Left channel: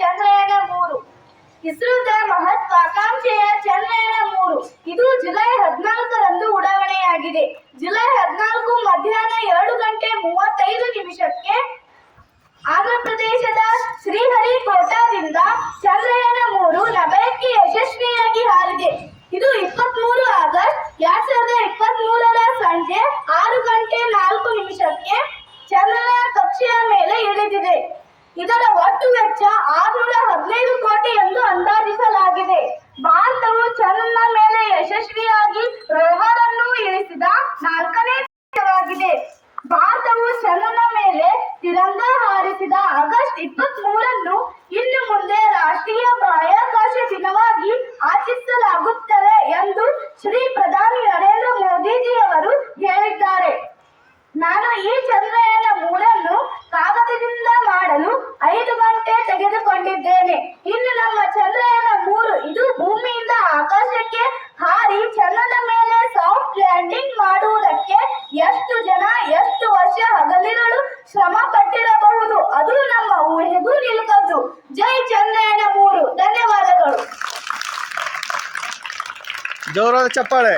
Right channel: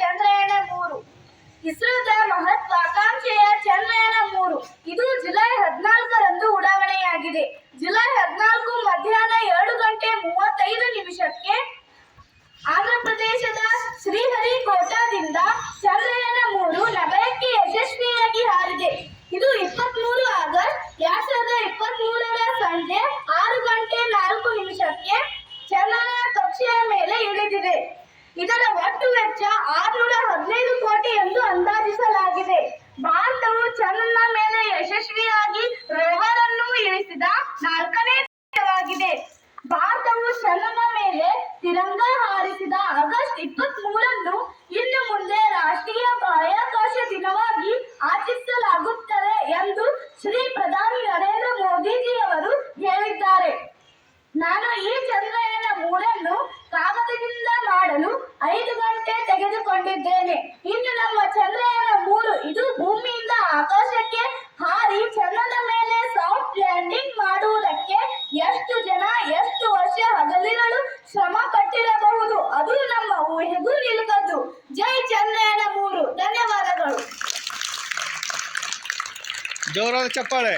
ಚಂದ್ರಯಾನ-3 ಇಸ್ರೋದ ಮಹತ್ವಾಕಾಂಕ್ಷೆಯ ಚಂದ್ರಯಾನ-3 ಇದು ಜುಲೈ 14ರಂದು ಉಡಾವಣೆಯಾಗಿದೆ. ಜುಲೈ 14 ಮಧ್ಯಾಹ್ನ 2:35 ಆಂಧ್ರಪ್ರದೇಶದ ಶ್ರೀಹರಿಕೋಟಾದಿಂದ ಚಂದ್ರಯಾನ-3 ನಭಯಕ್ಕೆ ಯಶಸ್ವಿಯಾಗಿ ಹಾರಿದೆ. ಇದು 23 ಆಗಸ್ಟ್ 2023ರ ಸಂಜೆ 6:04 ಚಂದ್ರನ ಕಕ್ಷೆಯ ಮೇಲೆ ಇಳಿದಿದೆ. ಇದರ ಒಟ್ಟು ವೆಚ್ಚ 615 ಕೋಟಿ ಎಂದು ಅಂದಾಜಿಸಲಾಗಿದೆ. ಭಾರತವು ಚಂದ್ರನ ಮೇಲೆ ಯಶಸ್ವಿಯಾಗಿ ರೋವರ್ ಅನ್ನು ಇಳಿಸಿದ 4ನೇ ದೇಶವಾಗಿದೆ. ಭಾರತವು ಚಂದ್ರನ ಮೇಲೆ ತಿರಂಗ ಹಾರಿಸಿದ ಆಗಸ್ಟ್ 23ನ್ನು ಇನ್ನು ಮುಂದೆ ರಾಷ್ಟ್ರೀಯ ಬಾಹ್ಯಾಕಾಶ ದಿನವಾಗಿ ಆಚರಿಸಲಾಗುತ್ತದೆ ಎಂದು ಶ್ರೀ ಪ್ರಧಾನಿ ನರೇಂದ್ರ ಮೋದಿಜಿಯವರು ಹೇಳಿದ್ದಾರೆ. ನಾನು ಈ ಚಂದ್ರಯಾನ-3ನ್ನು ಕಾಗದದಿಂದ ಮಾಡಲು 5 ಗಂಟೆ ತೆಗೆದುಕೊಂಡಿದ್ದೇನೆ. ಇನ್ನು ನಮ್ಮ ಚಂದ್ರಯಾನ-3 ಇದು ಭೂಮಿಯಿಂದ ಆಕಾಶಕ್ಕೆ ಹಾರಿ ಚಂದ್ರನ ಮೇಲೆ ಸಾಫ್ಟ್ ಲ್ಯಾಂಡಿಂಗ್ ಮಾಡುವುದಕ್ಕೆ ಎಷ್ಟು ಜನ ಎಷ್ಟು ವರ್ಷ ಹಗಲಿರುಳು ಶ್ರಮ ಪಟ್ಟಿರಬಹುದು, ಅದು ನಮ್ಮ ಊಹೆಗೂ ನಿಲುಕದ್ದು. ಜೈ ಚಂದ್ರಯಾನ-3. ಧನ್ಯವಾದಗಳು. ಜೋರಾದ ಚಪ್ಪಾಳೆ.